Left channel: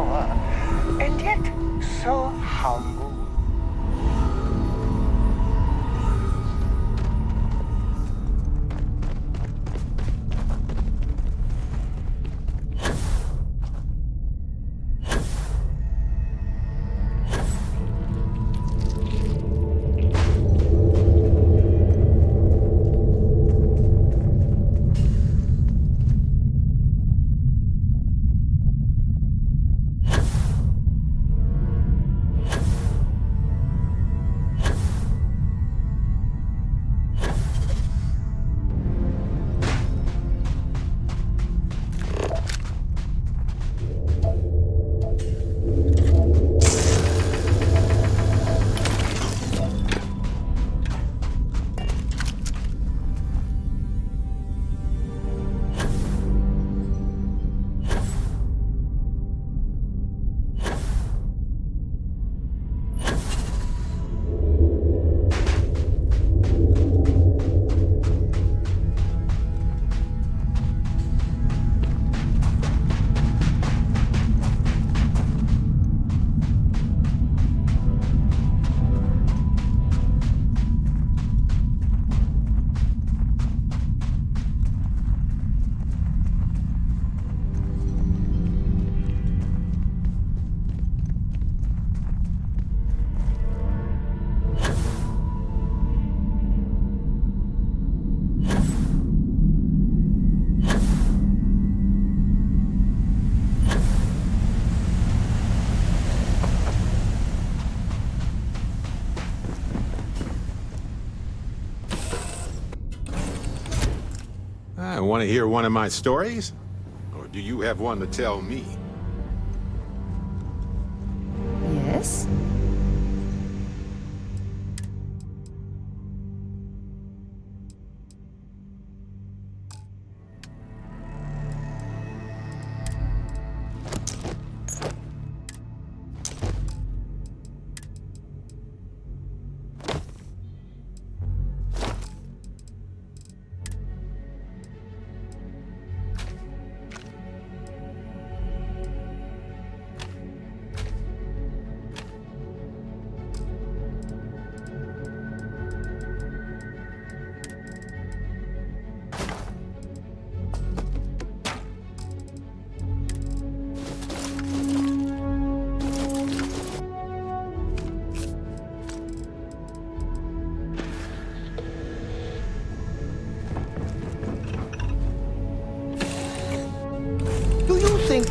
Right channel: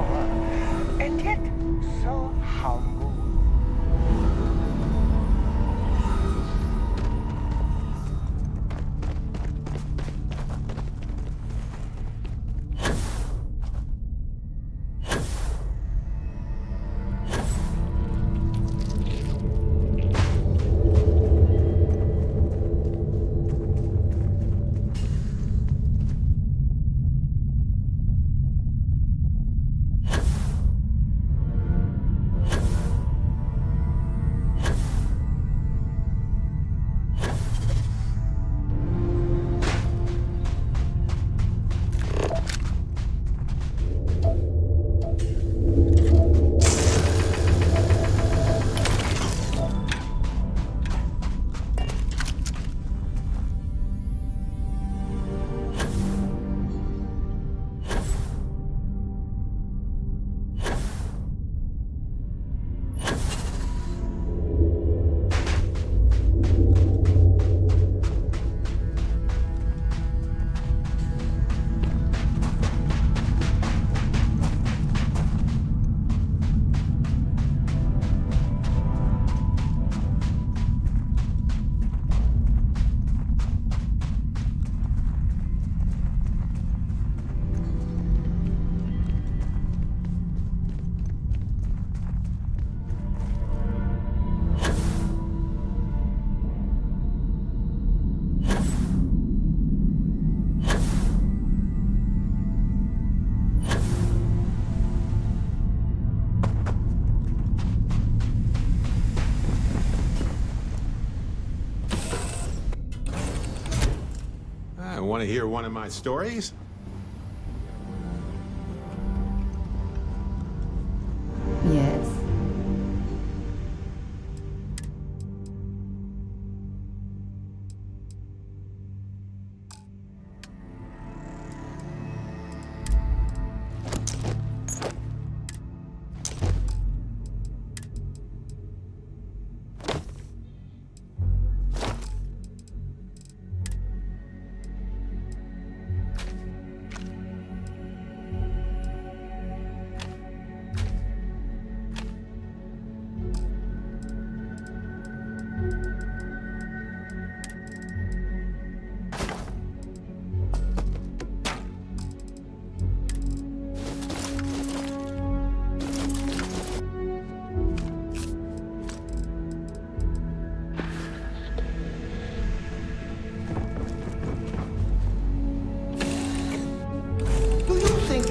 power, and yet so humble. Want to hear one of my stories? Or do you have one to tell me? Yes?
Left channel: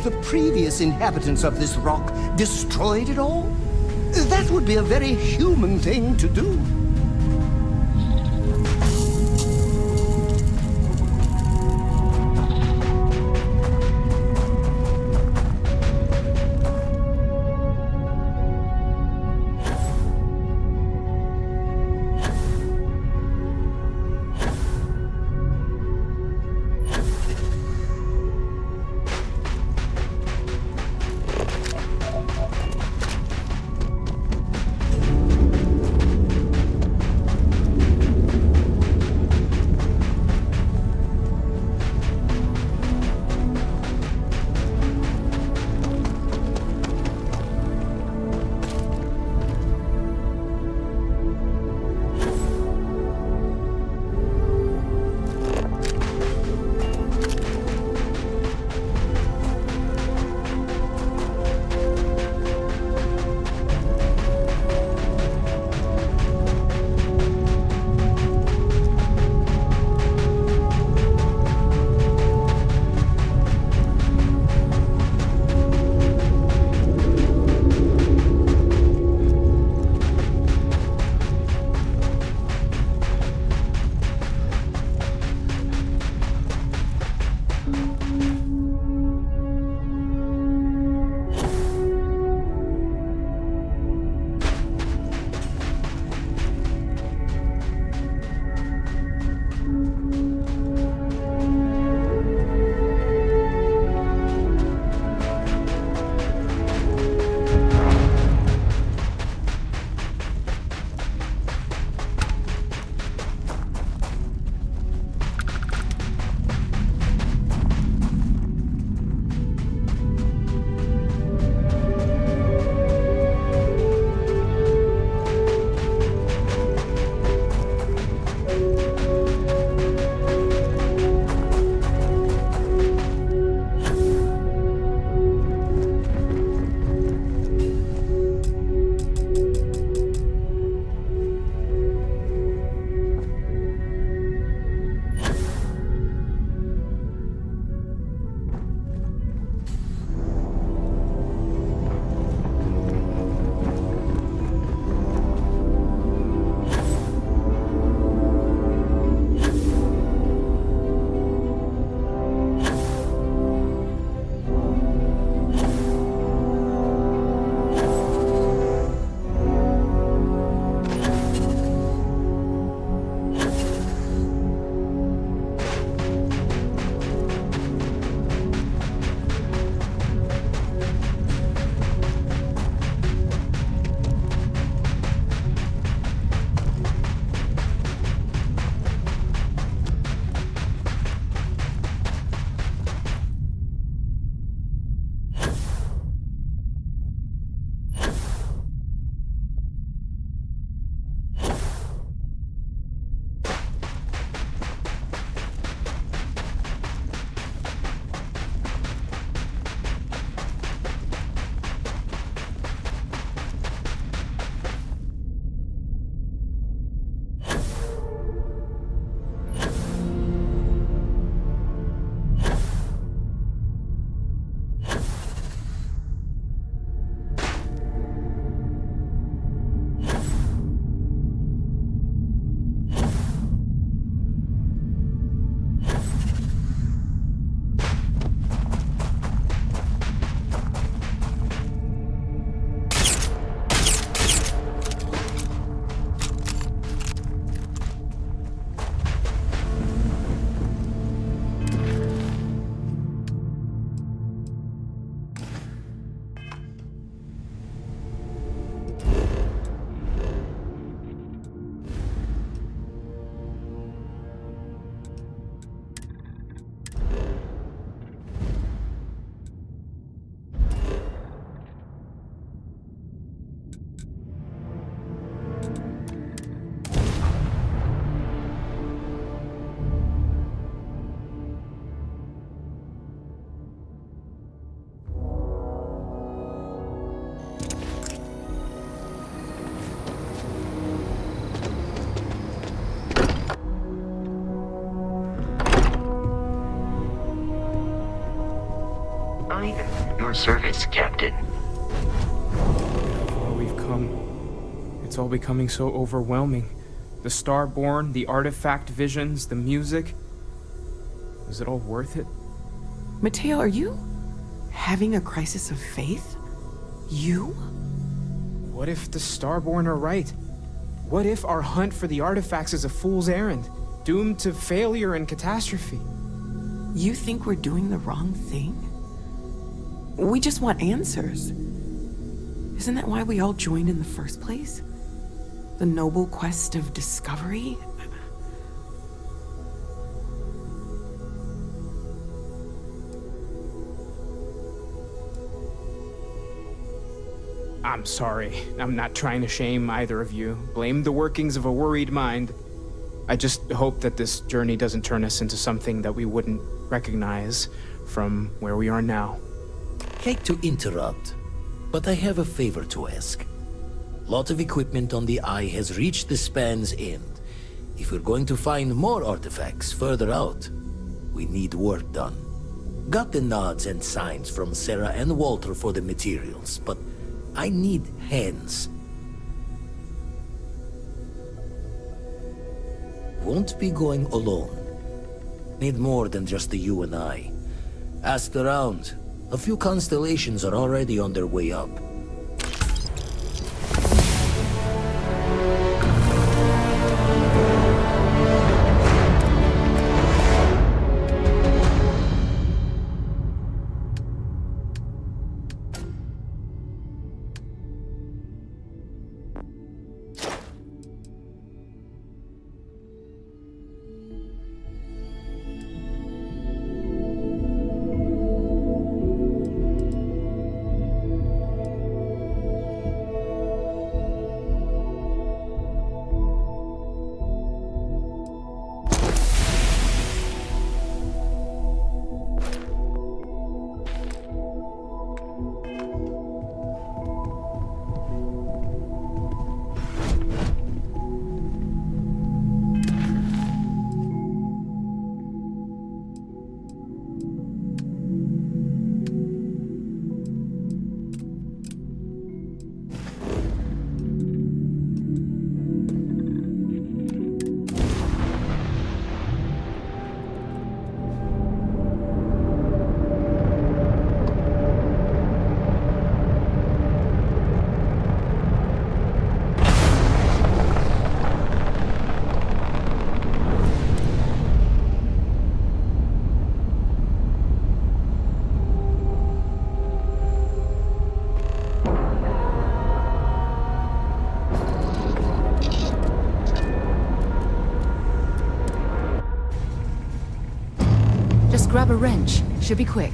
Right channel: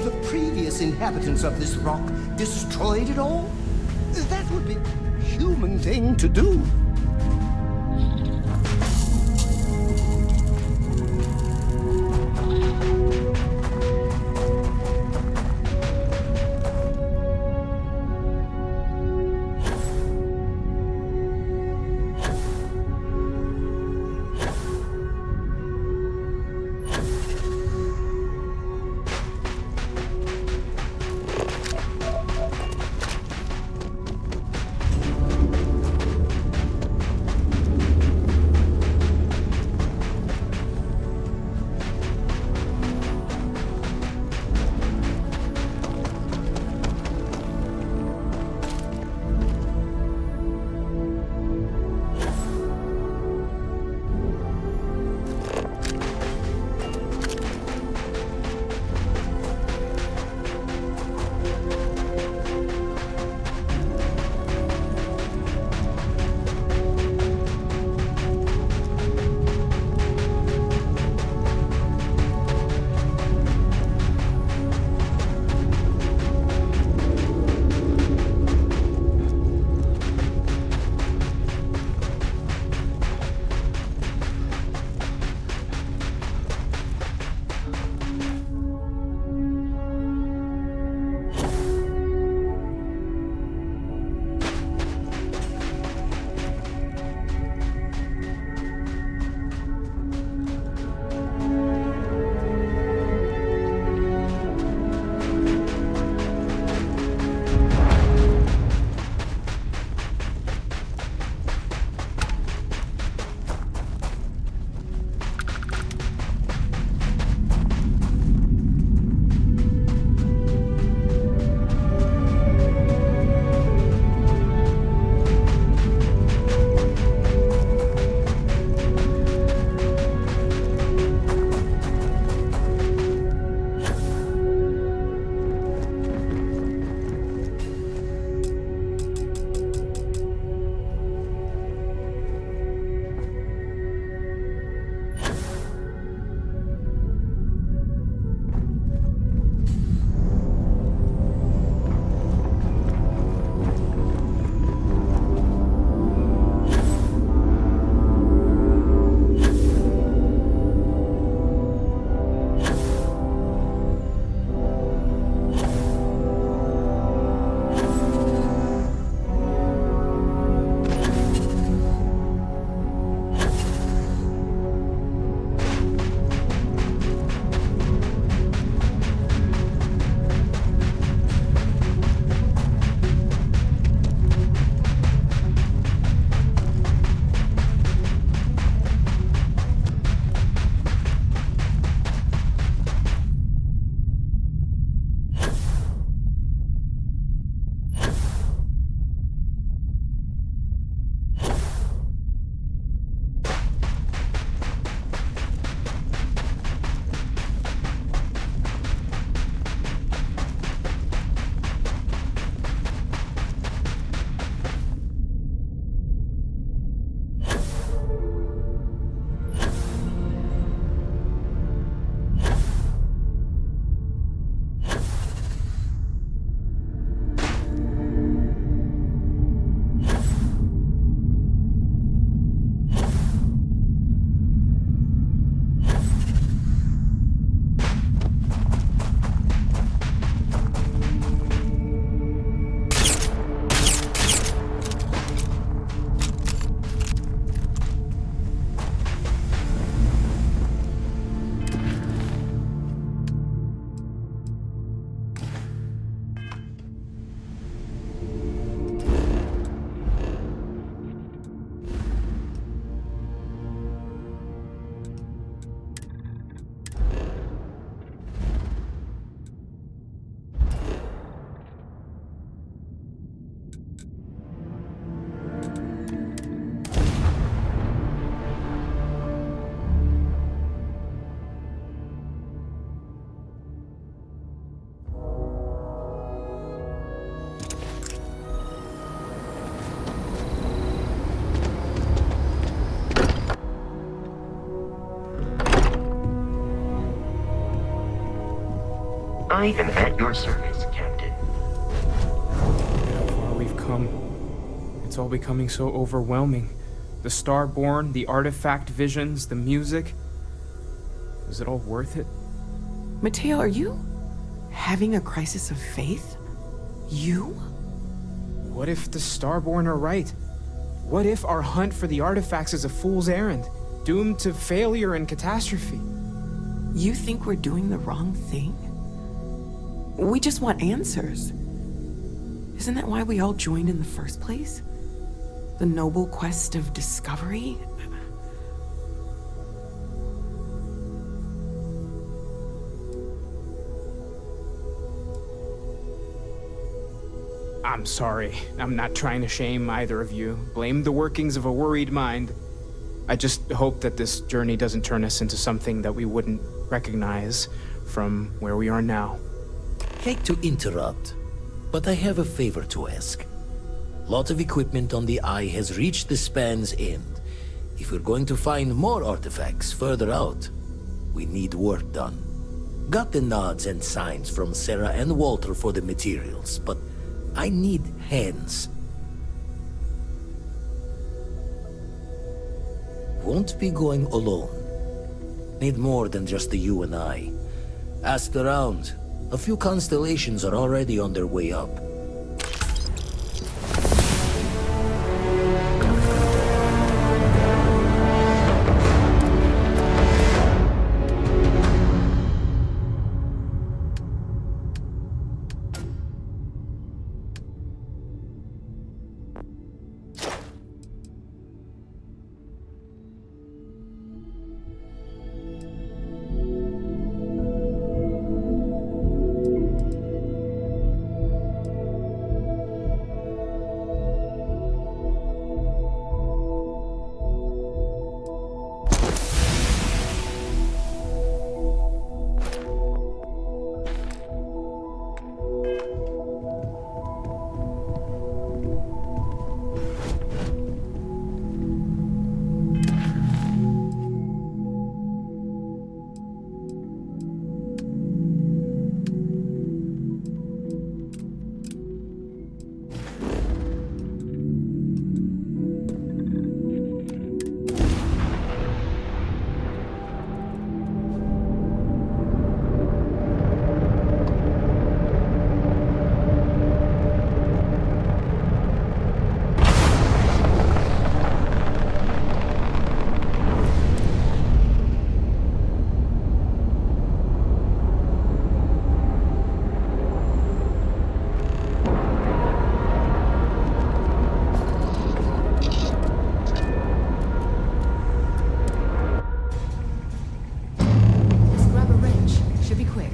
The previous inhabitants of this rock destroyed it all? That would be a very human thing to do. I am at your service, Captain. How far we've come. It's all becoming so overwhelming. The Starborn, the artifact visions, the music. Is it all worth it? Mateo, are you having a crisis of faith? You? What if the Starborn are right? What if our hunt for the artifacts is a fool's errand, doomed to failure and catastrophe? You think we're doing the wrong thing? We just want answers. Isn't that why we all joined in the first place? The noble quest of discovery? I'm sorry. I'm not trying to shame either of you. Blame the workings of a worried mind. I just hope that this journey doesn't turn us into something that we wouldn't recognize from where we are now. Hate to interrupt, but I have a favor to ask. Lot of equipment on the Eye has reached the span's end. If we're going to find more artifacts further out, we need work done. Got the nods and signs from Sarah and Walter for the materials, but I need hands. Won't be going alone. Need more than just the you and I. Asked around. A few constellations are already on their way up. Grab a wrench. Should be quick.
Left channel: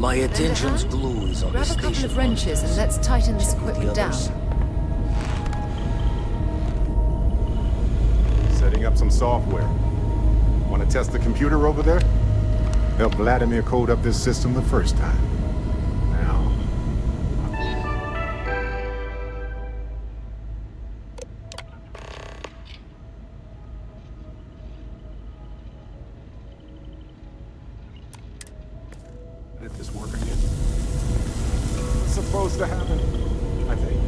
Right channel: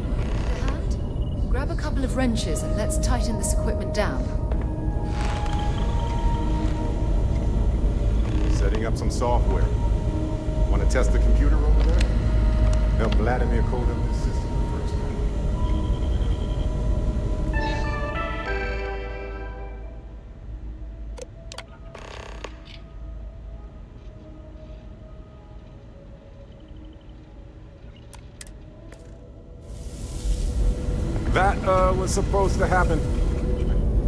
My attention's glued on Grab the a couple of station. wrenches and let's tighten this equipment down. Setting up some software. Want to test the computer over there? Help Vladimir code up this system the first time. Now. Let this work. That was supposed to happen, I think.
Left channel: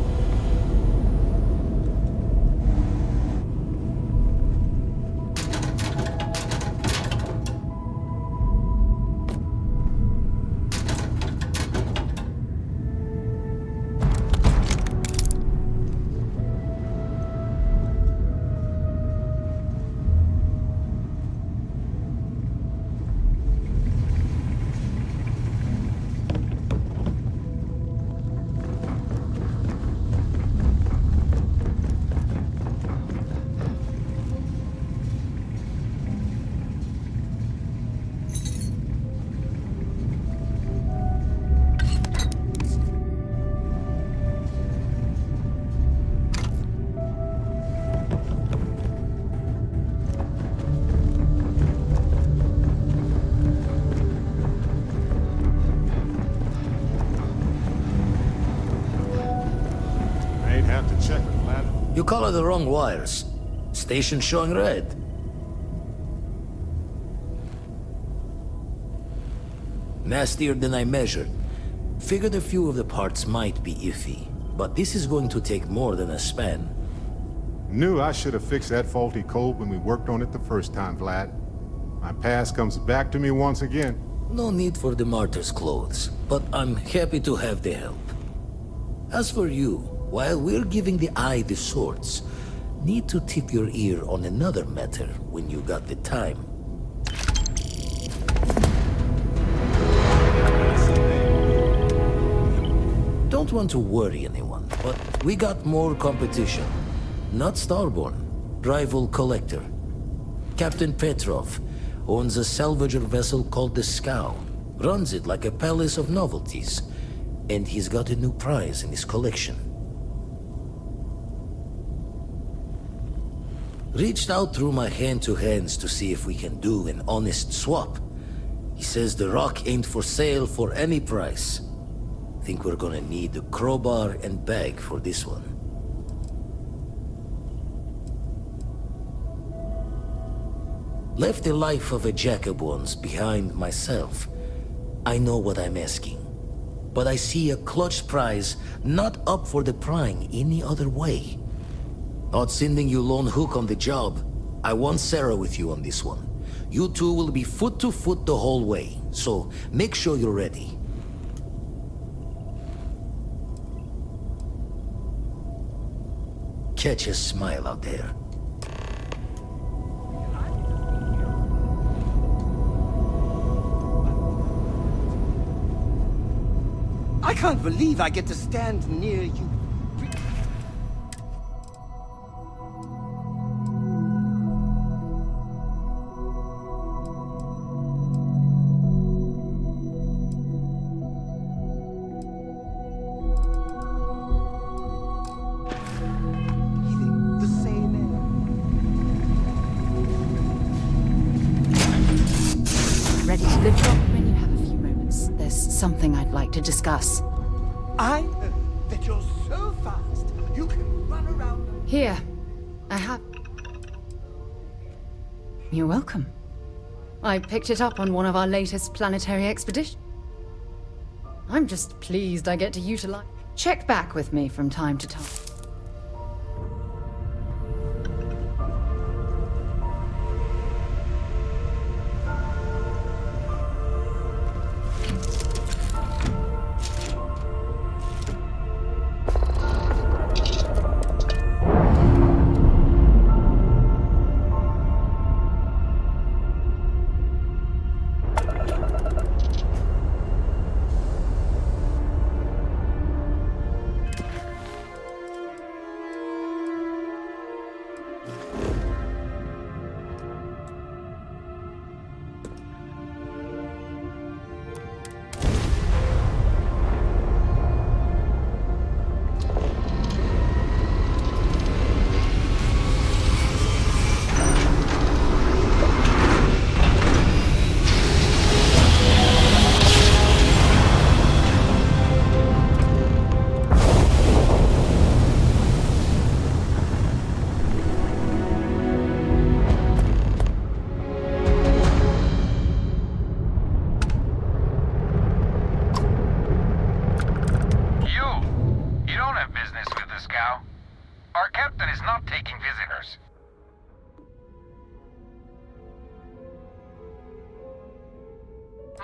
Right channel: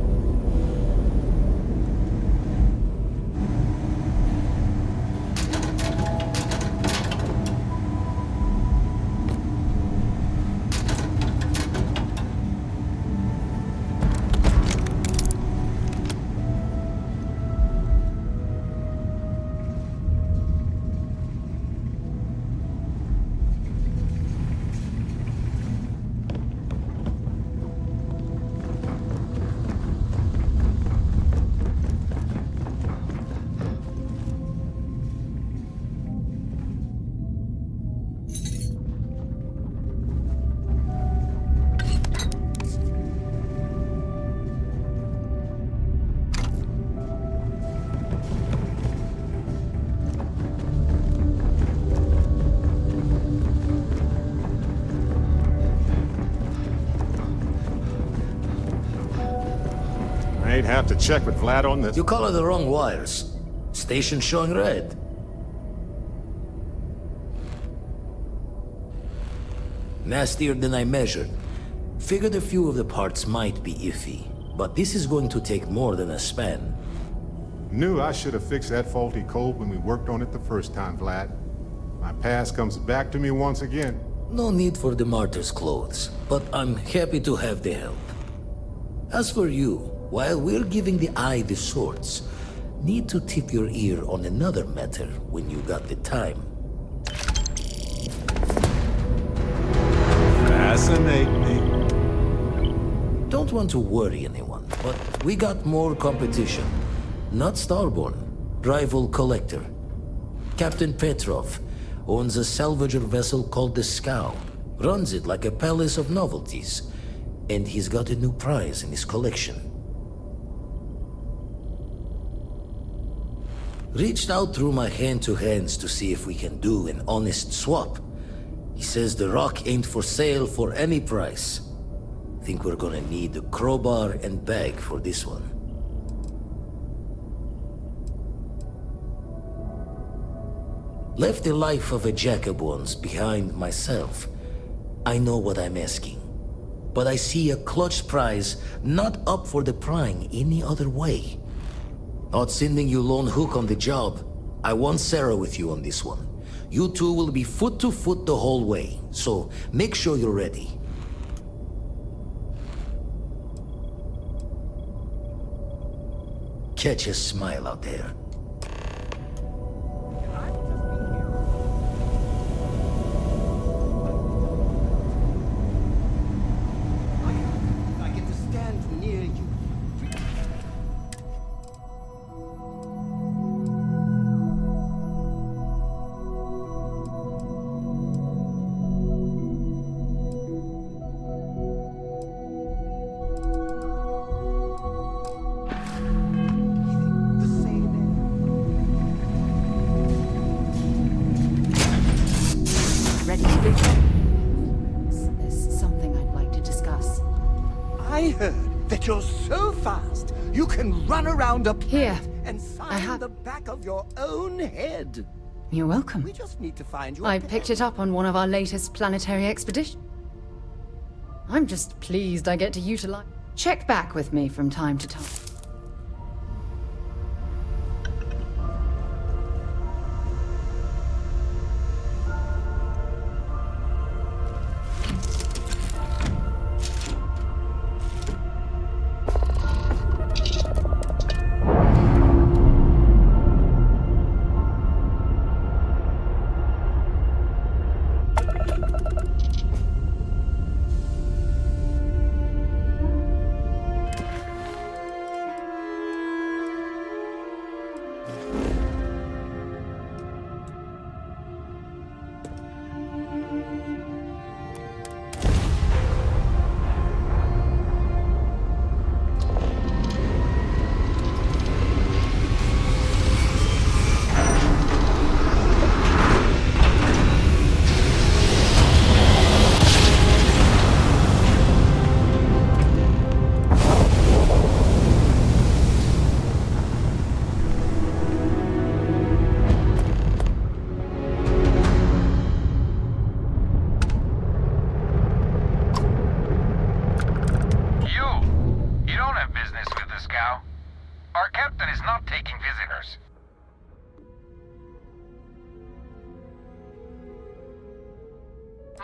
might have to check with Vlad on this. You color the wrong wires. Station showing red. Nastier than I measured. Figured a few of the parts might be iffy, but this is going to take more than a span. Knew I should have fixed that faulty code when we worked on it the first time, Vlad. My past comes back to me once again. No need for the martyr's clothes, but I'm happy to have the help. As for you, while we're giving the eye the swords, need to tip your ear on another matter when you got the time. Fascinating. Don't want to worry anyone, but we got more competition. Not Starborn, rival collector. Captain Petrov owns a salvager vessel called the Scow. Runs it like a palace of novelties. And he's got a new prize in his collection. Reached out through my hand-to-hands to see if we can do an honest swap. He says the rock ain't for sale for any price. Think we're gonna need a crowbar and bag for this one. Left the life of a jack-of-bones behind myself. I know what I'm asking. But I see a clutch prize not up for the prying any other way. Not sending you lone hook on the job. I want Sarah with you on this one. You two will be foot to foot the whole way, so make sure you're ready. Catch a smile out there. I can't believe I get to stand near you. Breathing the same air. Ready to lift off when you have a few moments. There's something I'd like to discuss. I heard that you're so fast you can run around up Here, and sign I have- the back of your own head. You're welcome. We just need to find your I picked it up on one of our latest planetary expeditions. I'm just pleased I get to utilize. Check back with me from time to time. Our captain is not taking visitors.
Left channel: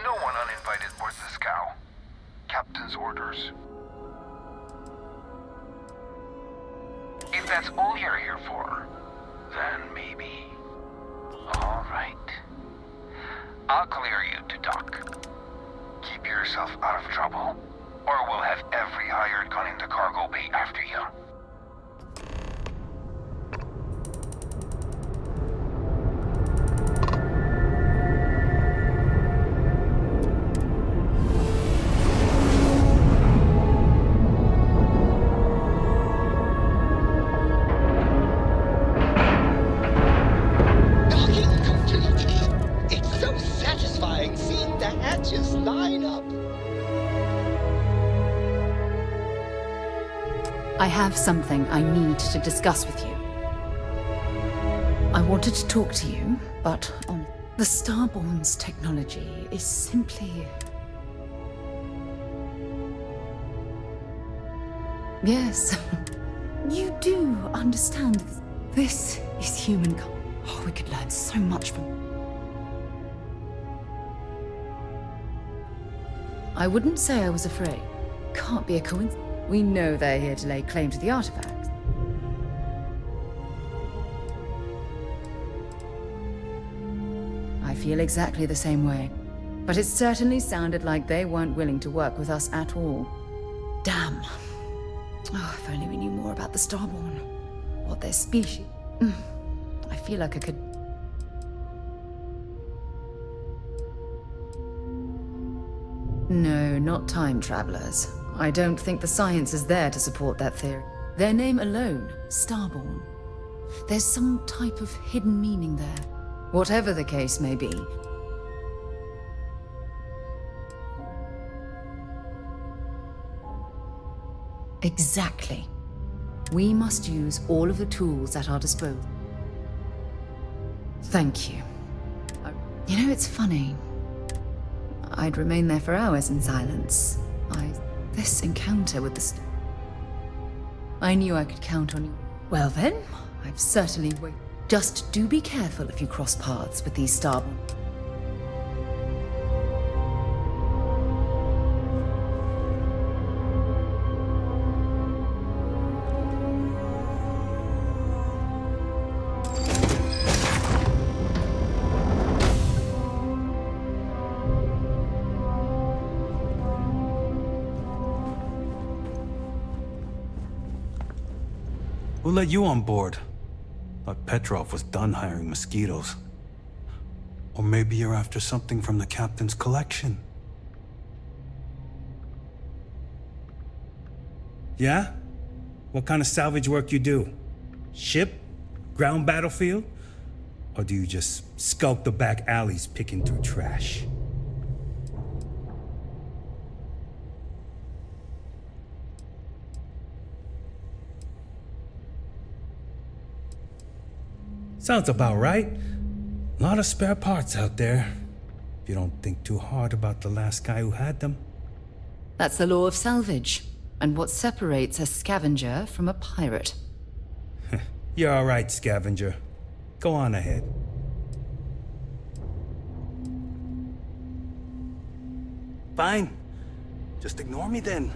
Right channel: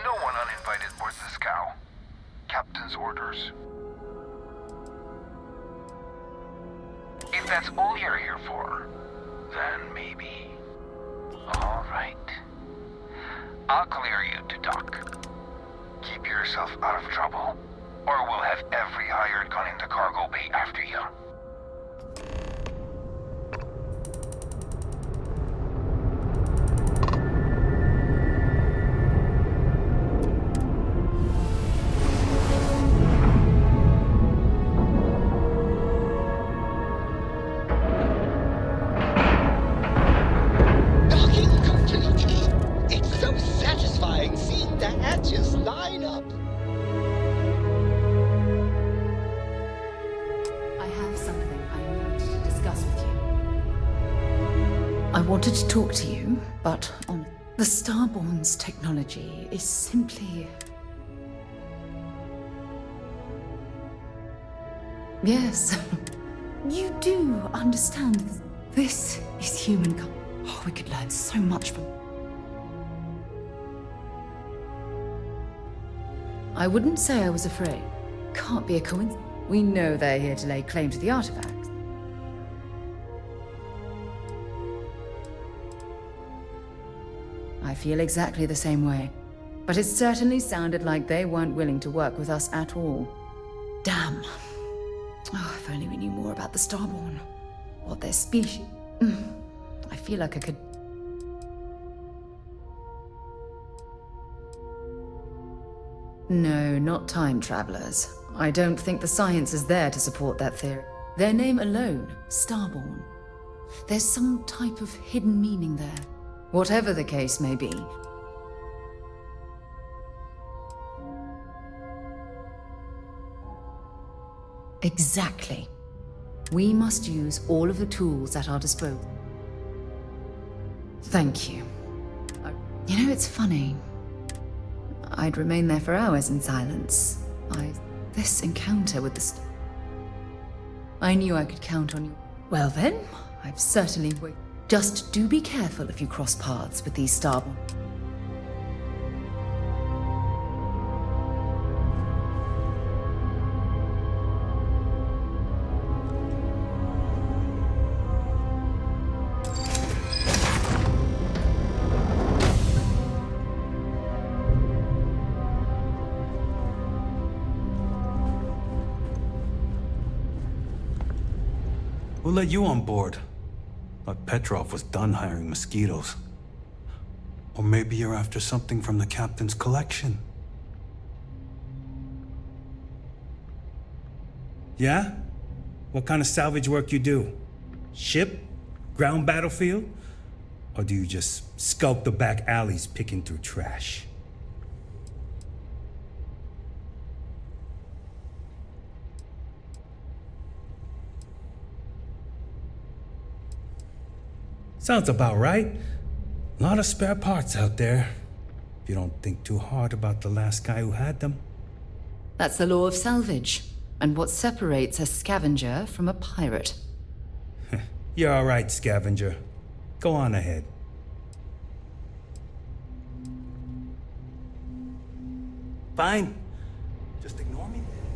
No one uninvited boards the scow. Captain's orders. If that's all you're here for, then maybe. All right. I'll clear you to dock. Keep yourself out of trouble, or we'll have every hired gun in the cargo bay after you. Docking complete. It's so satisfying seeing the hatches line up. I have something I need to discuss with you. I wanted to talk to you, but on the Starborn's technology is simply... Yes, you do understand this is humankind. Oh, we could learn so much from... I wouldn't say I was afraid. Can't be a coincidence. We know they're here to lay claim to the artifacts. I feel exactly the same way. But it certainly sounded like they weren't willing to work with us at all. Damn. Oh, if only we knew more about the Starborn. What their species... I feel like I could... No, not time travelers. I don't think the science is there to support that theory. Their name alone, Starborn. There's some type of hidden meaning there. Whatever the case may be. Exactly. We must use all of the tools at our disposal. Thank you. You know, it's funny. I'd remain there for hours in silence. This encounter with the I knew I could count on you. Well then, I've certainly waited. Just do be careful if you cross paths with these Starborn. Who let you on board? Thought Petrov was done hiring mosquitoes. Or maybe you're after something from the captain's collection. Yeah? What kind of salvage work you do? Ship? Ground battlefield? Or do you just skulk the back alleys picking through trash? Sounds about right. A lot of spare parts out there. If you don't think too hard about the last guy who had them. That's the law of salvage, and what separates a scavenger from a pirate. You're all right, scavenger. Go on ahead. Fine. Just ignore me then.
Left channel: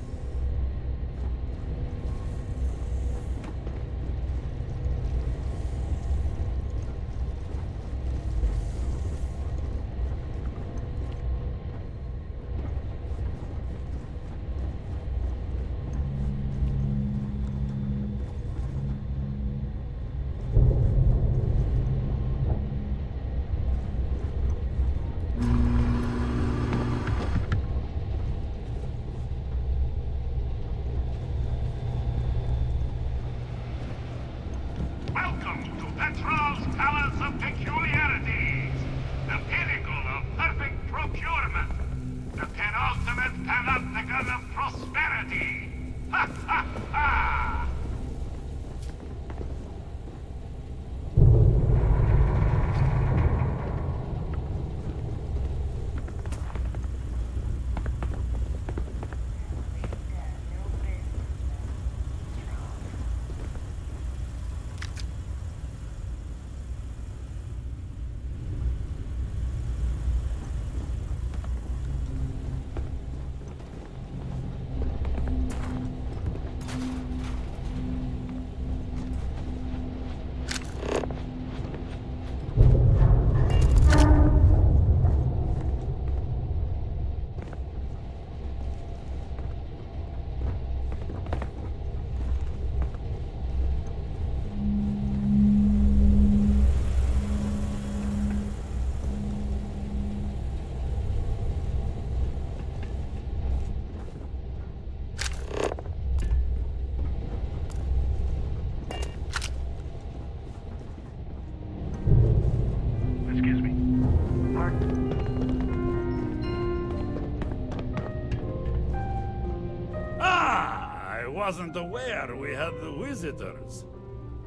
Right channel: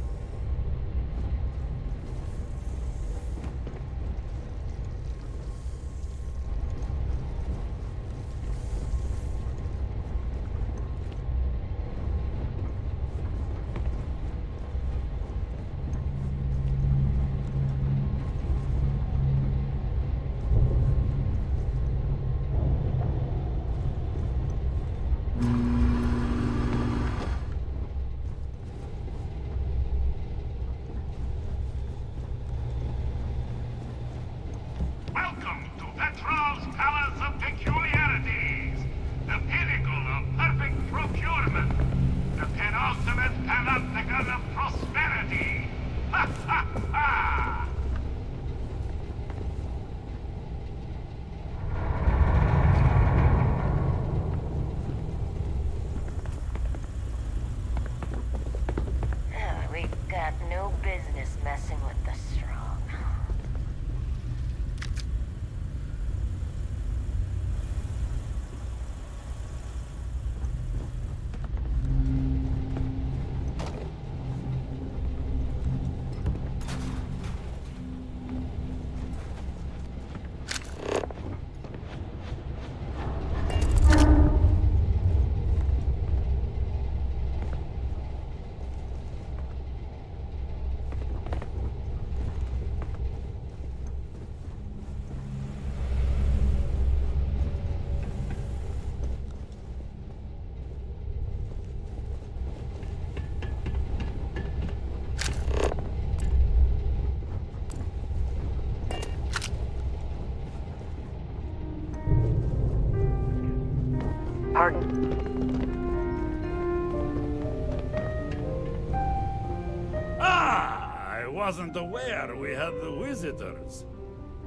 wasn't aware we had the visitors.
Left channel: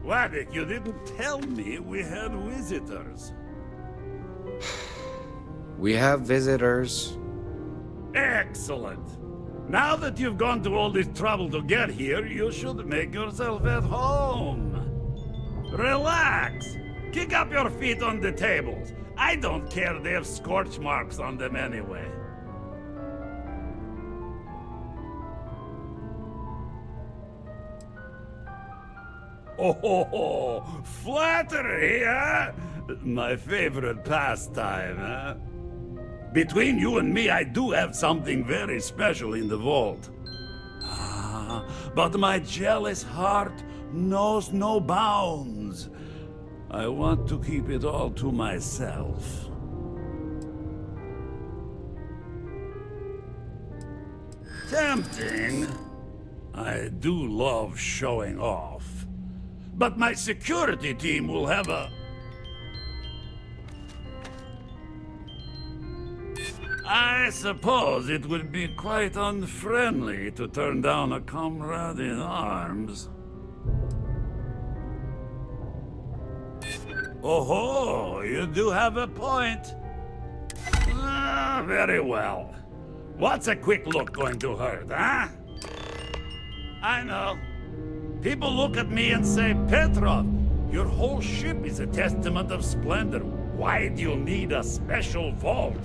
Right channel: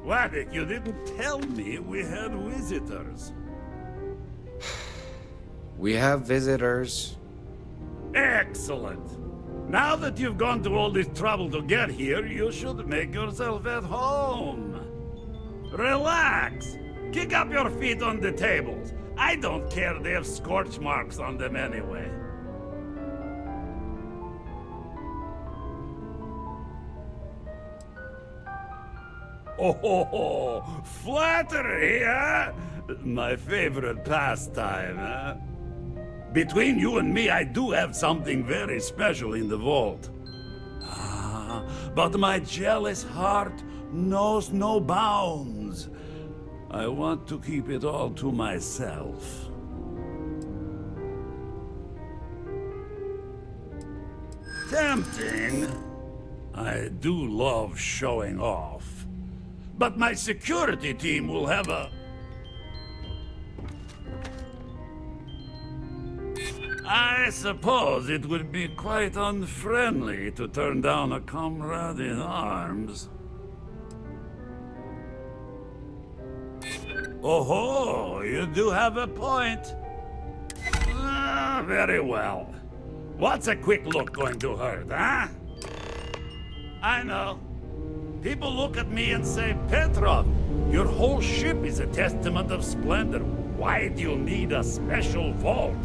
Waddick, you didn't tell me we had visitors. We have visitors. Excellent. Now that you've gone to all this trouble to get here, you should make yourself at home. Relax. Kick up your feet on the tables. I don't care they have scorch marks on them anyway. Oh, flattery, huh? My favorite pastime, huh? Between you and me, I do have something very special in the vault. But my jealous heart knows no bounds. I want to keep it all to myself. Tempting. I do love showing off. But my security team will have a... I suppose it would be quite unfriendly to turn down a comrade in arms. Oh, you do have a point. Very well. What's a quick look going to hurt, huh? I know. People look at me and say, Petrov, your whole ship is a testament of splendor. Why do you need a special vault?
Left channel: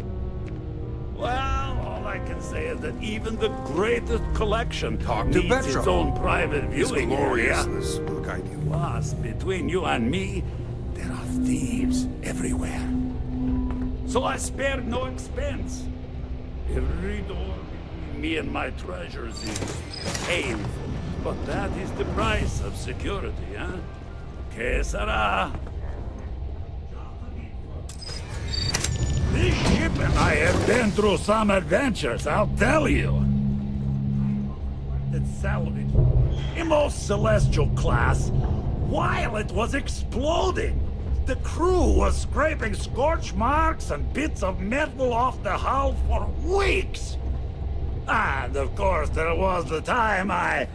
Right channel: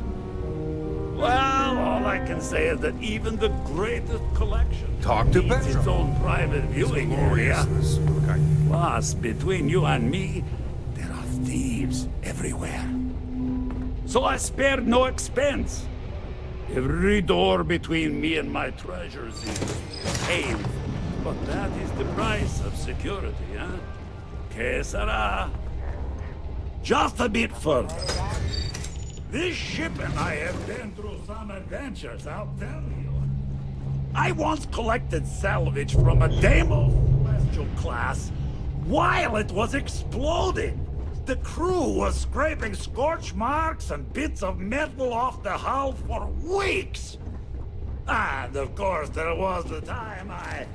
Well, all I can say is that even the greatest collection needs its own private viewing area. Plus, between you and me, there are thieves everywhere. So I spared no expense. Every door between me and my treasures is painful. But that is the price of security, huh? Que sera? Just a bit further. This ship and I have been through some adventures, I'll tell you. I once collected salvage from a Deimos Celestial class while it was exploding. The crew was scraping scorch marks and bits of metal off the hull for weeks. And of course, there was the time I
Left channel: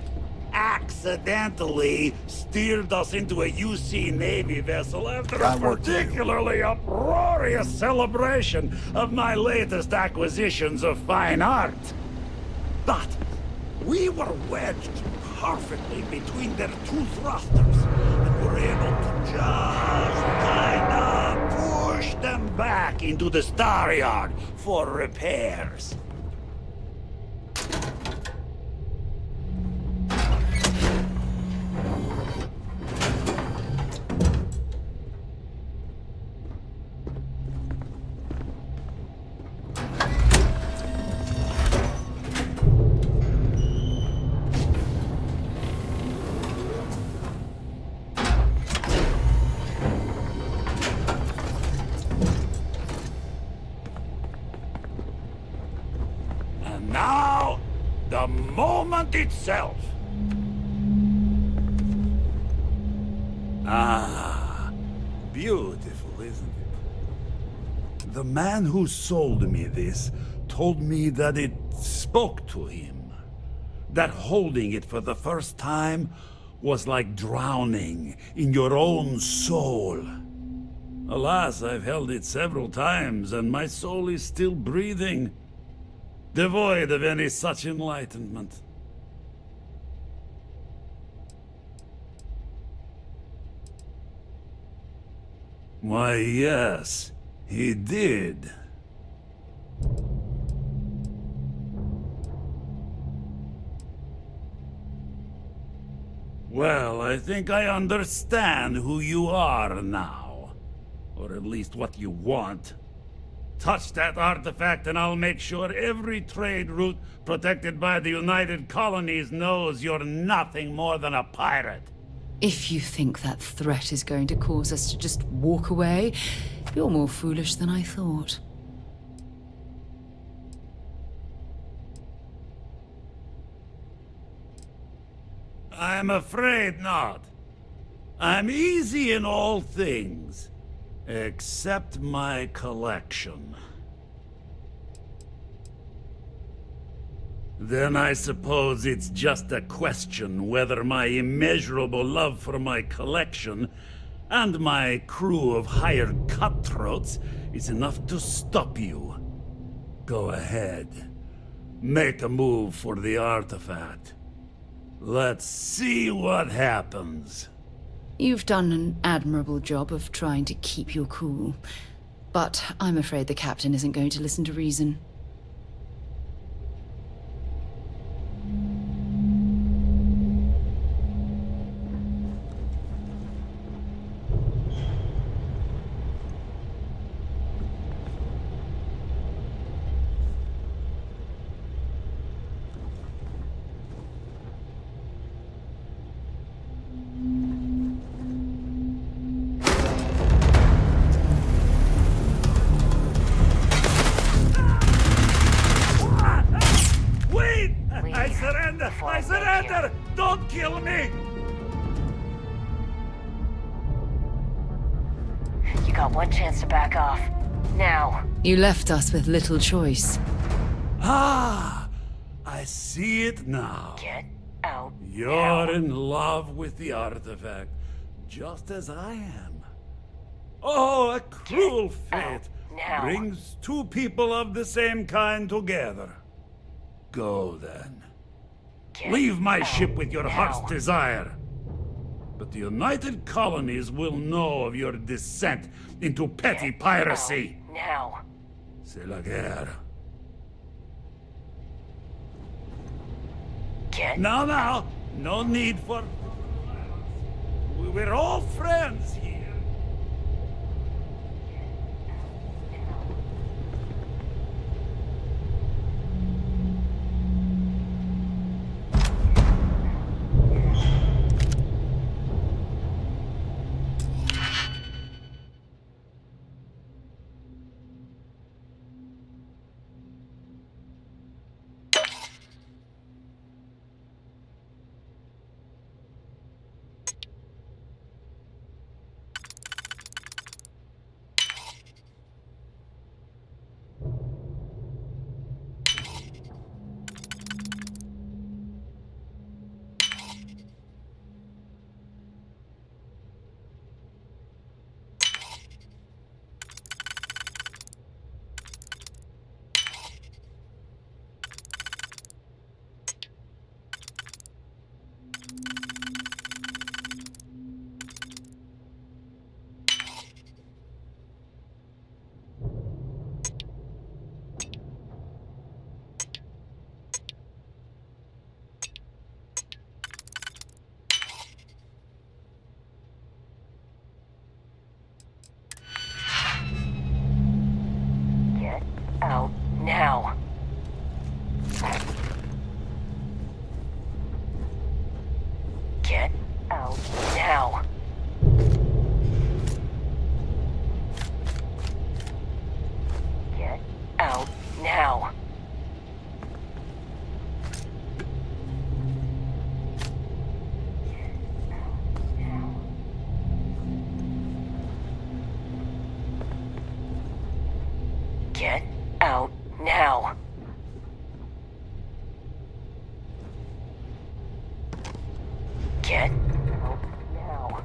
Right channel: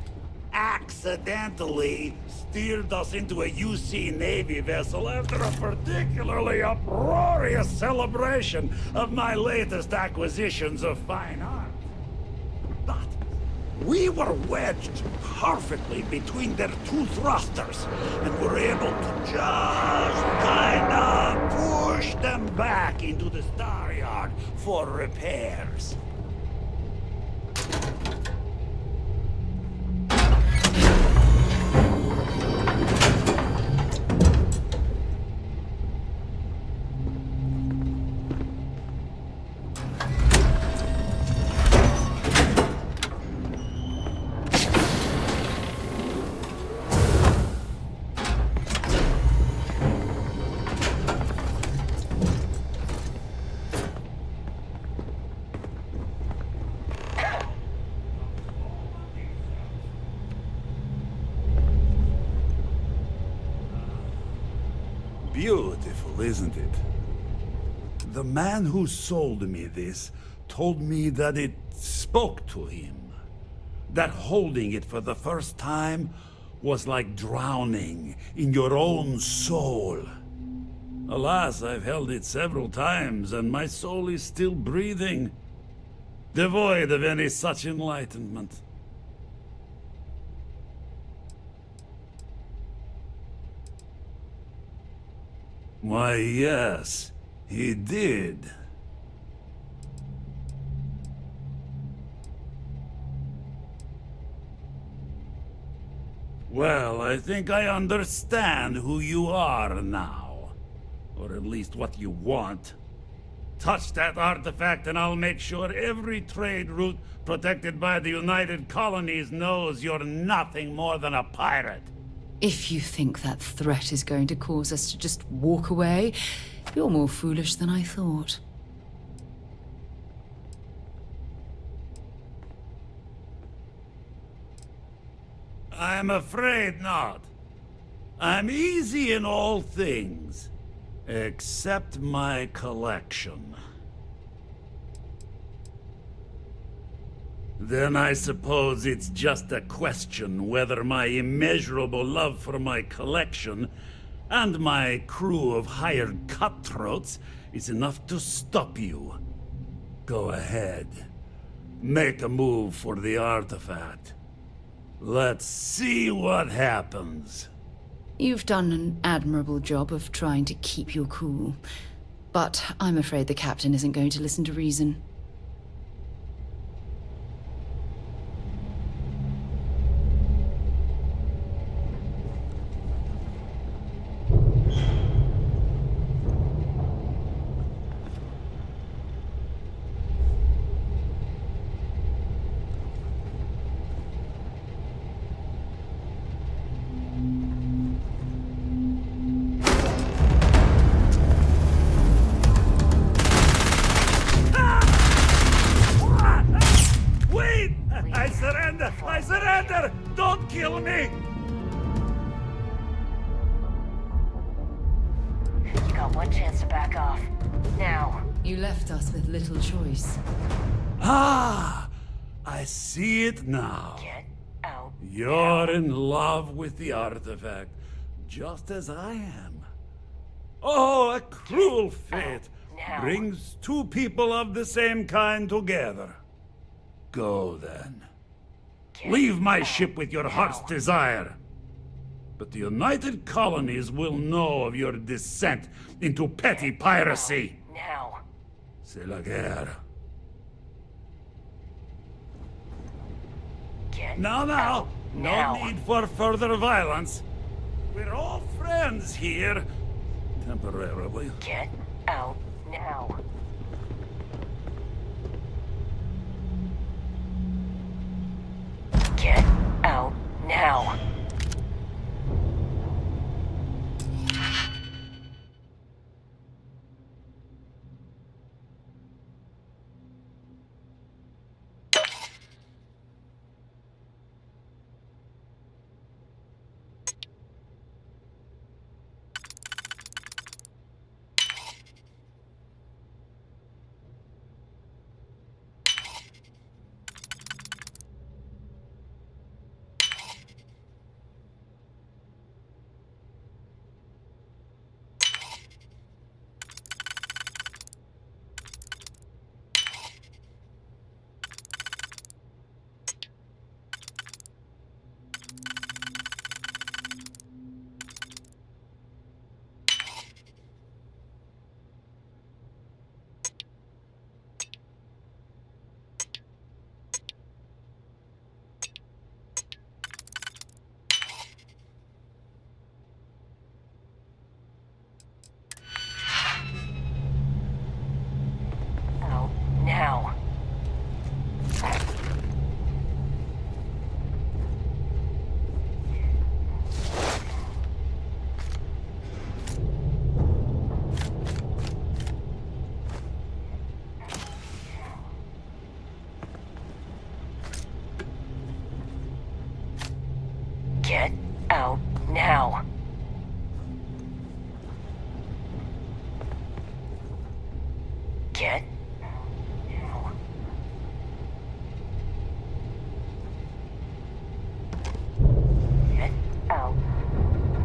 accidentally steered us into a UC Navy vessel after a particularly uproarious celebration of my latest acquisitions of fine art. But we were wedged perfectly between their two thrusters, and were able to just kinda push them back into the star yard for repairs. Itself. Ah, beautiful, isn't it? The man who sold me this told me that it spoke to him. That holding it for the first time was like drowning in your own soul. Alas, I've held it several times, and my soul is still breathing, devoid of any such enlightenment. Why, yes, he did. Well, I think I understand who you are now. Or at least what you want. Touch that artifact and I'll make sure every trade route protected by the United Colonies knows you're nothing more than a pirate. If you think that threat is going to cause us to just walk away, you're more foolish than I thought. I'm afraid not. I'm easy in all things, except my collection. Then I suppose it's just a question whether my immeasurable love for my collection and my crew of hired cutthroats is enough to stop you. Go ahead. Make a move for the artifact. Let's see what happens. You've done an admirable job of trying to keep your cool. But I'm afraid the captain isn't going to listen to reason. I surrender! Don't kill me! You got one chance to back off. Now. You left us with little choice. Ah! I see it now. Get out. You're in love with the artifact, just as I am. Oh, a cruel fate brings two people of the same kind together. Go then. Leave my ship with your heart's desire. But the United Colonies will know of your descent into petty piracy. Now. C'est la guerre. Now. No need for further violence. We're all friends here. Temporarily. Get out now. Get out now. Out now. Get out now. Get out now. Get out now. Get out now. Get out now.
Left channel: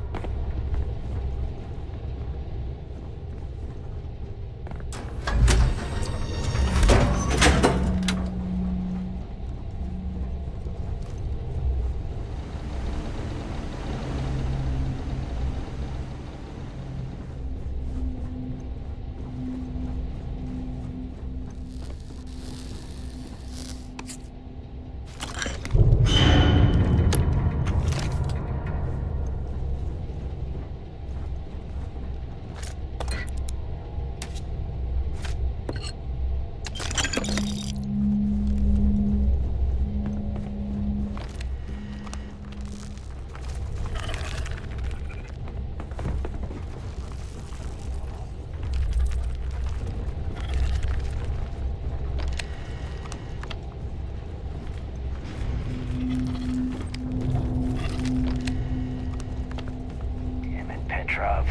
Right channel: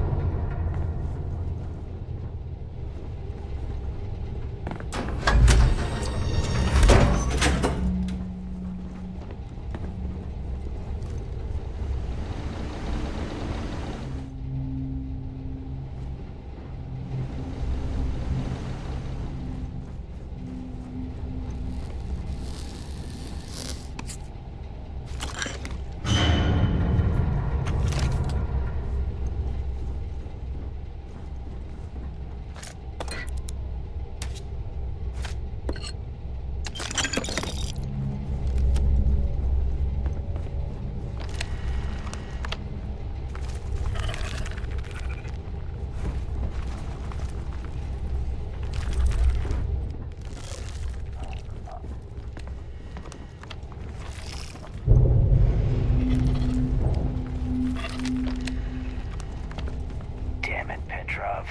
Damn it, Petrov.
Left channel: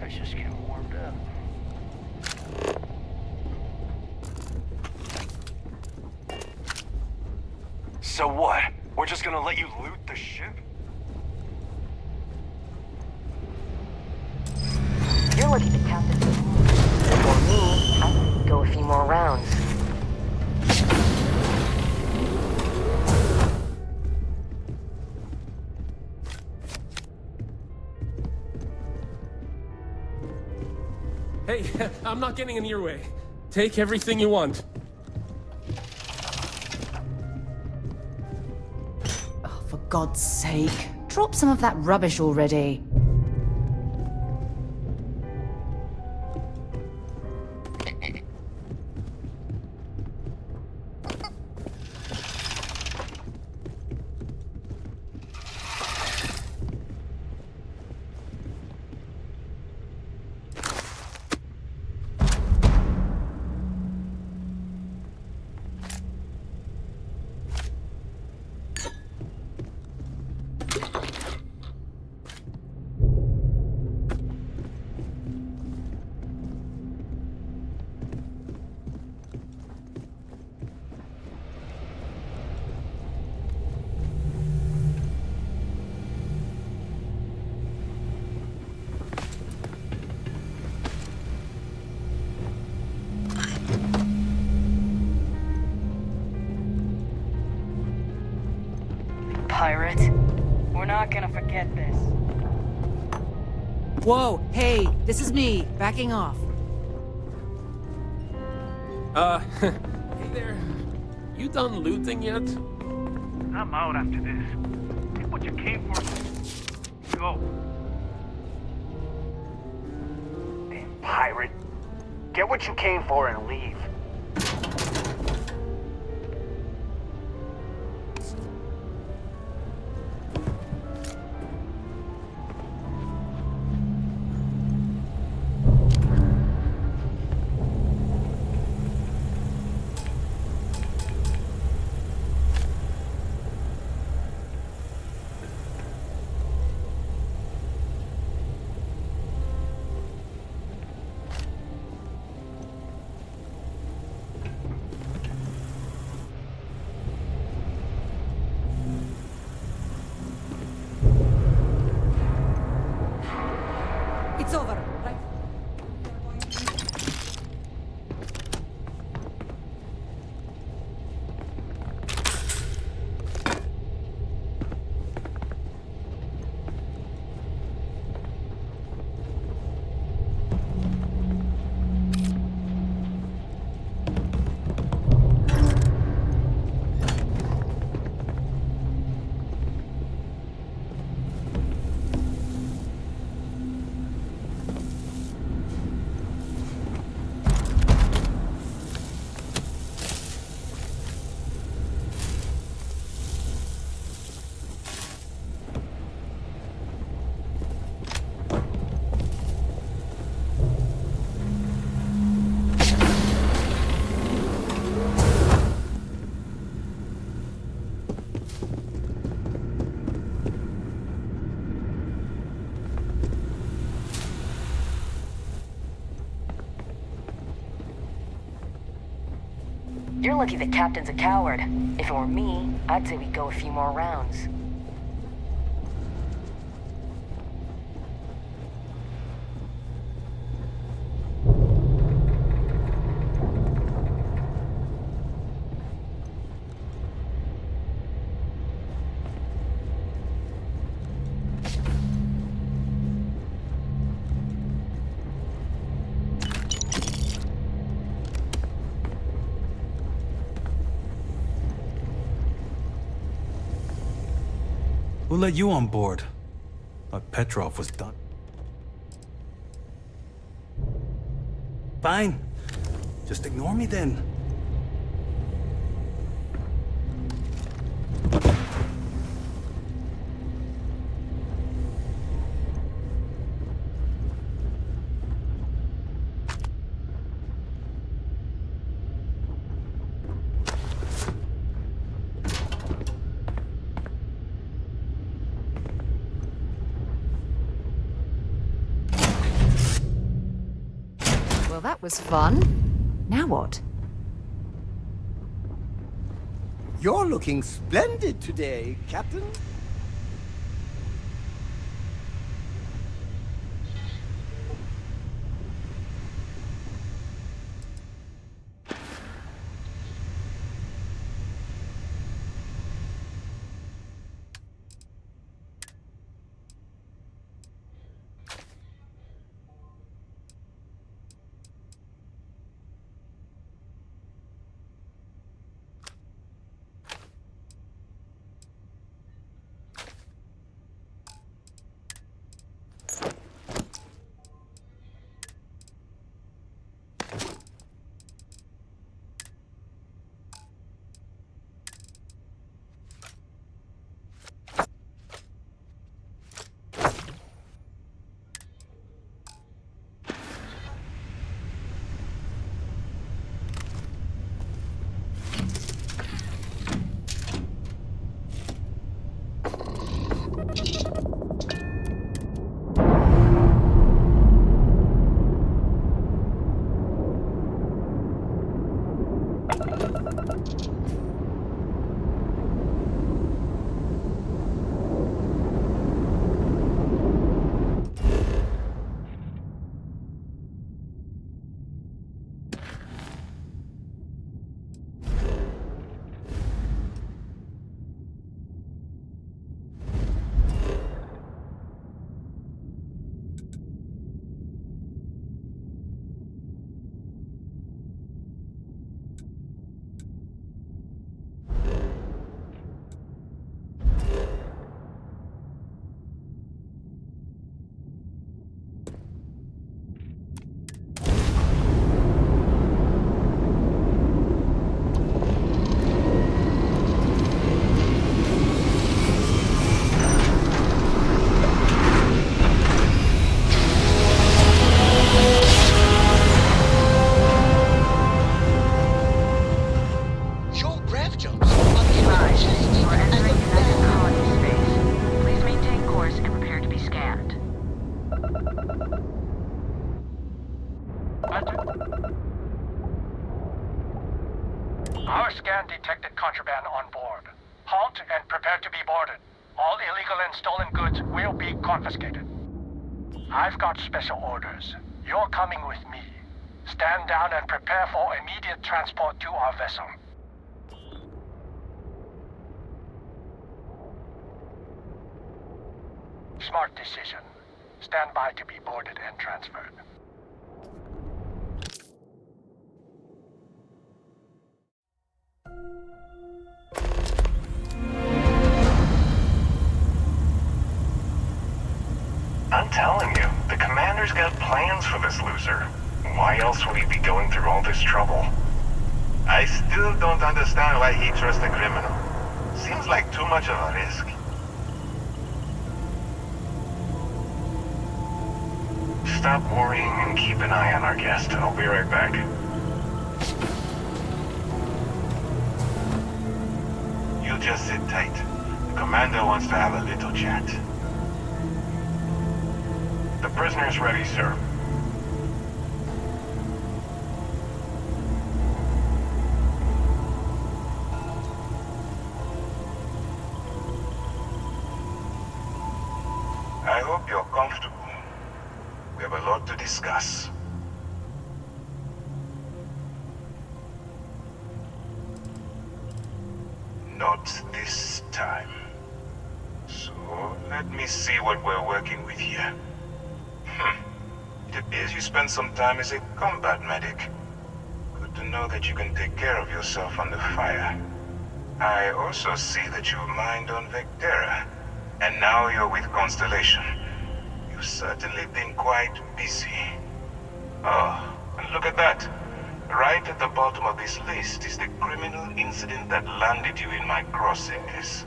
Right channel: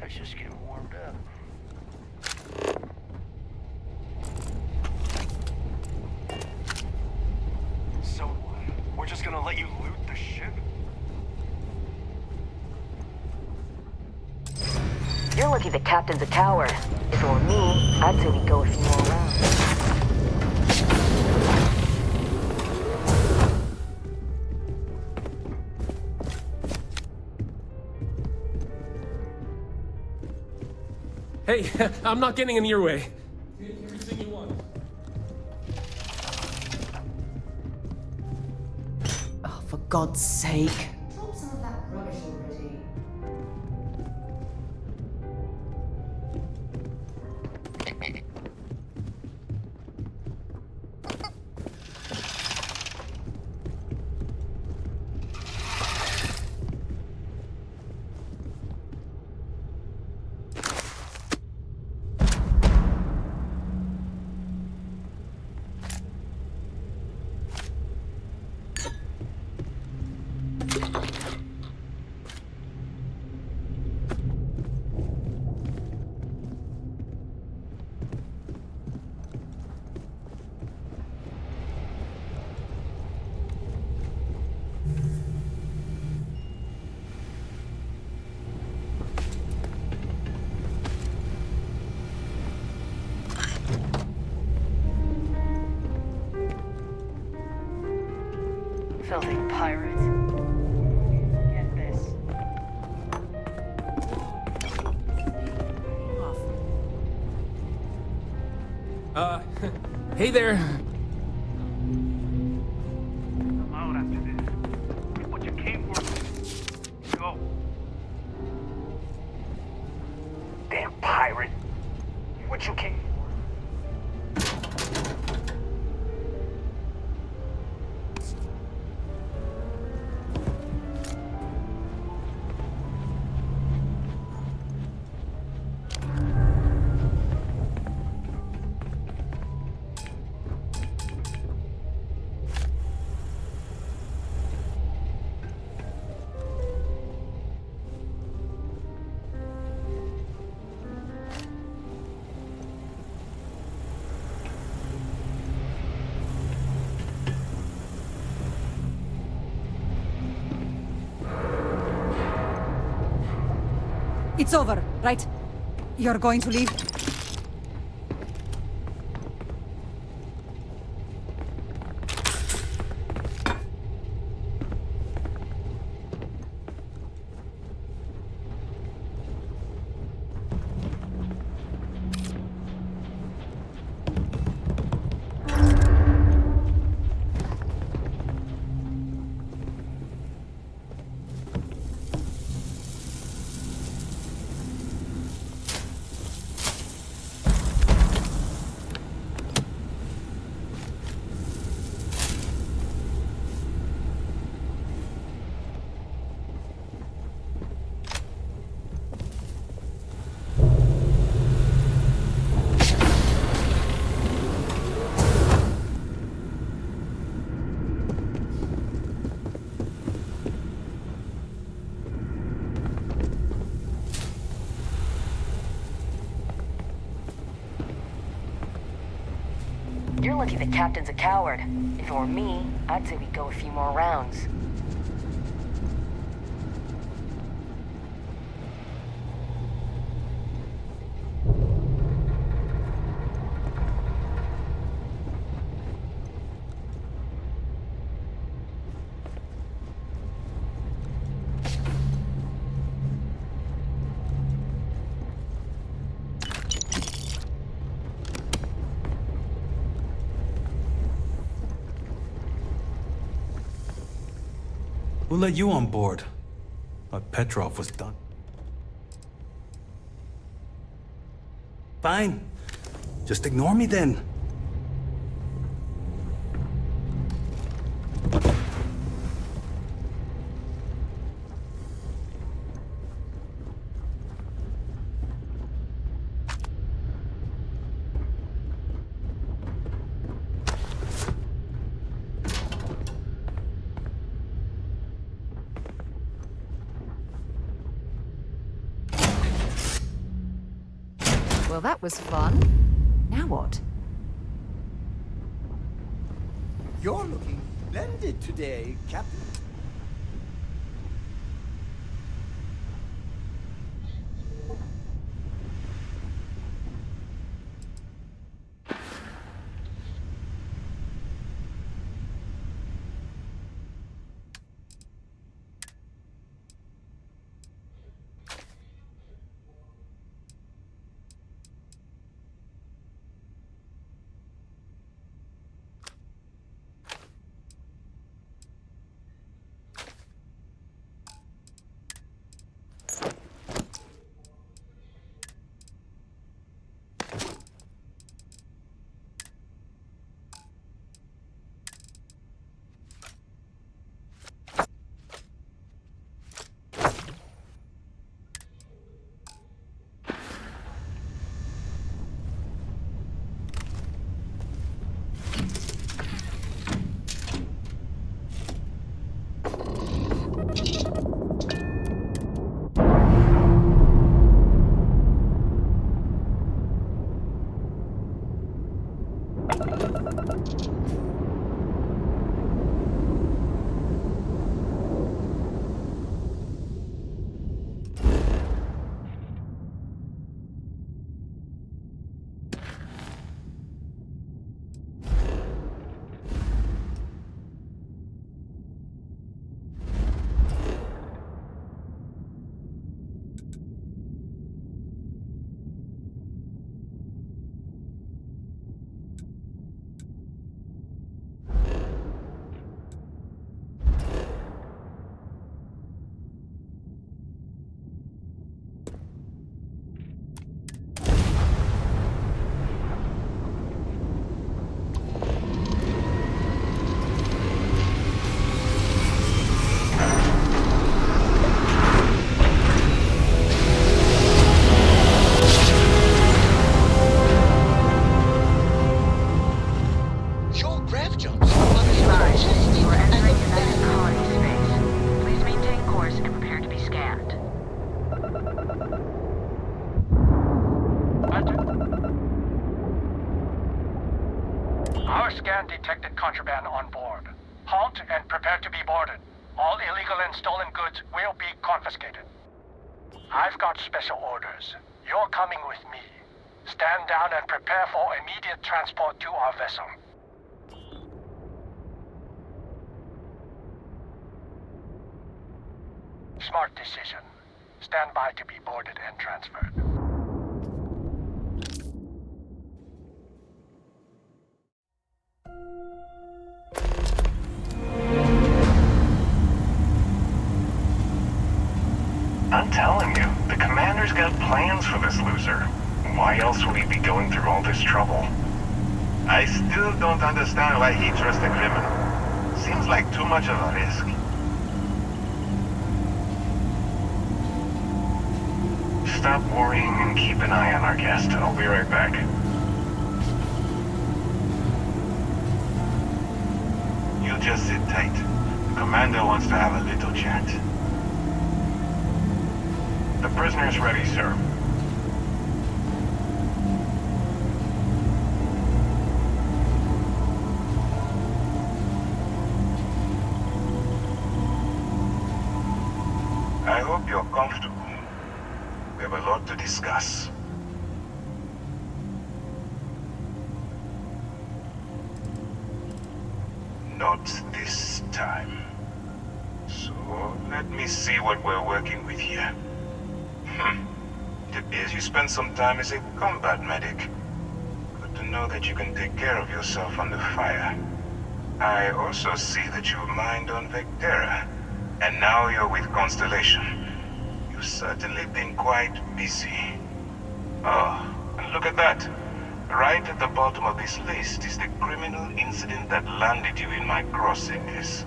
I was just getting warmed up. So what? We're just gonna let you loot the ship? You're lucky the captain's a coward. If it were me, I'd say we go a few more rounds. Hey, I'm not getting in your way. Take everything you want. Oh, for God's sake. Drop some of that rubbish already. Filthy pirate. We're not gonna forget this. Whoa, hey, this is me, backing off. Hey there. You done looting yet? I'm out after this. Get what you came for. Go. Damn pirate. Get what you came for and leave. It's over, right? You're going to leave? You're lucky the captain's a coward. If it were me, I'd say we go a few more rounds. Who let you on board? Thought Petrov was done. Fine. Just ignore me then. Well, that was fun. Now what? You're looking splendid today, Captain. Our scan detected contraband on board. Halt and prepare to be boarded. All illegal and stolen goods will be confiscated. I've got special orders. You're coming with me. Stand down and prepare for immediate transport to our vessel. Smart decision. Stand by to be boarded and transferred. I'm telling you, the commander's got plans for this loser. Why else would he be going through all this trouble? I still don't understand why he trusts a criminal. Seems like too much of a risk. Stop worrying and keep an eye on our guest. I'll be right back. You just sit tight. The commander wants to have a little chat. The prisoner's ready, sir. I hope you're comfortable. We have a lot to discuss. Not this time. So, let me see what we're working with here. It appears you spent some time as a combat medic. Good to know that you can take care of yourself under fire. I also see that you mined on Vectera, and now you're with Constellation. You've certainly been quite busy. Oh, and look at that. Right at the bottom of this list is the criminal incident that landed you in my crosshairs.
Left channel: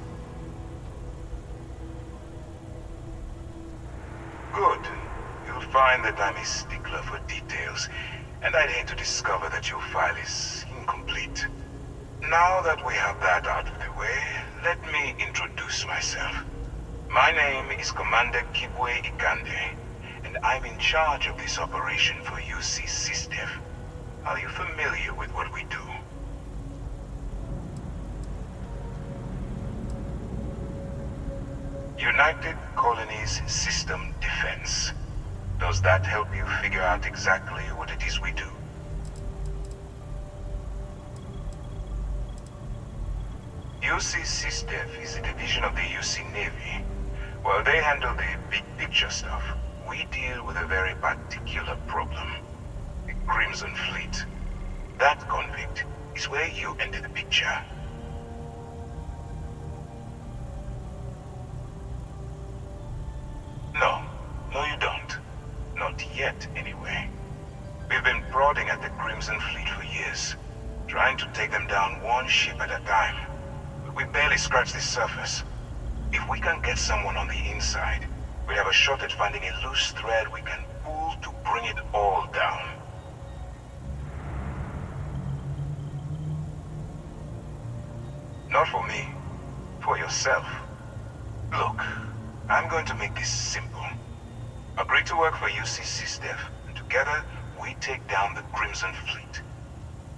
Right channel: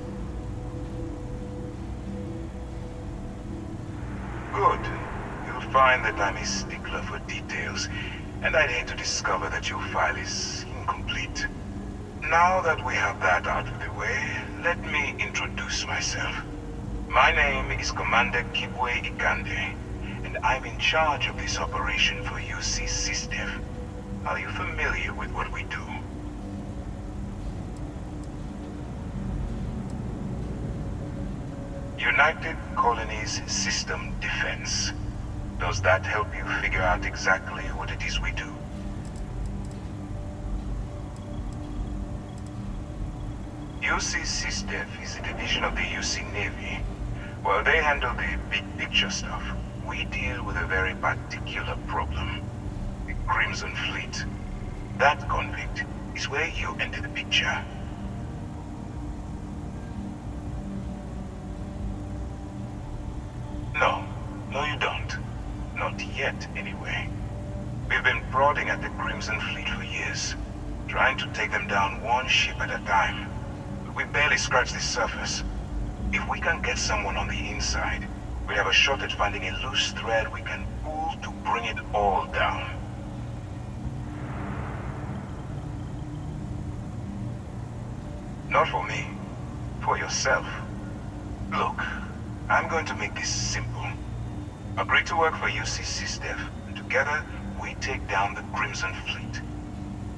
Good. You'll find that I'm a stickler for details, and I'd hate to discover that your file is incomplete. Now that we have that out of the way, let me introduce myself. My name is Commander Kibwe Ikande, and I'm in charge of this operation for UC SysDev. Are you familiar with what we do? United Colonies System Defense. Does that help you figure out exactly what it is we do? UC SysDef is a division of the UC Navy. While they handle the big picture stuff, we deal with a very particular problem. The Crimson Fleet. That convict is where you enter the picture. No, you don't. Not yet, anyway. We've been prodding at the Crimson Fleet for years, trying to take them down one ship at a time. But we barely scratched the surface. If we can get someone on the inside, we have a shot at finding a loose thread we can pull to bring it all down. Not for me. For yourself. Look, I'm going to make this simple. Agree to work for UC SysDef, and together we take down the Crimson Fleet.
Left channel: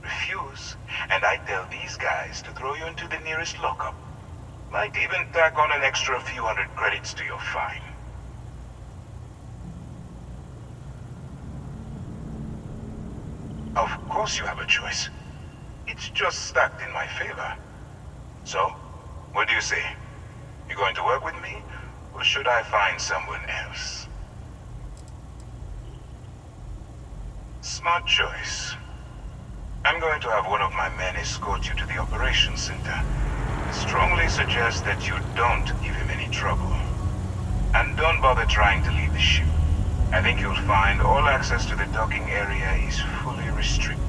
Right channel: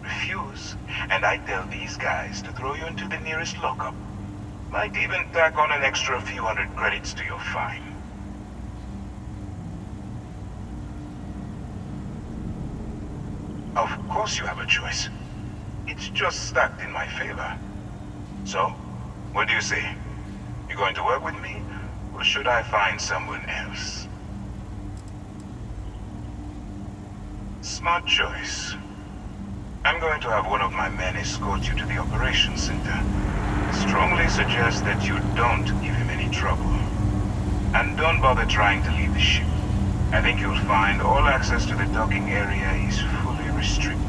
Refuse, and I tell these guys to throw you into the nearest lockup. Might even tack on an extra few hundred credits to your fine. Of course you have a choice. It's just stacked in my favor. So, what do you say? You going to work with me, or should I find someone else? Smart choice. I'm going to have one of my men escort you to the operations center. I strongly suggest that you don't give him any trouble. And don't bother trying to leave the ship. I think you'll find all access to the docking area is fully restricted.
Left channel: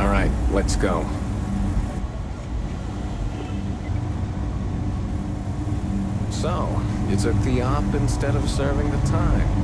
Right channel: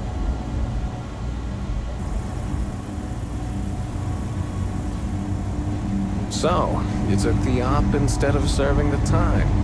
All right, let's go. So, you took the op instead of serving the time.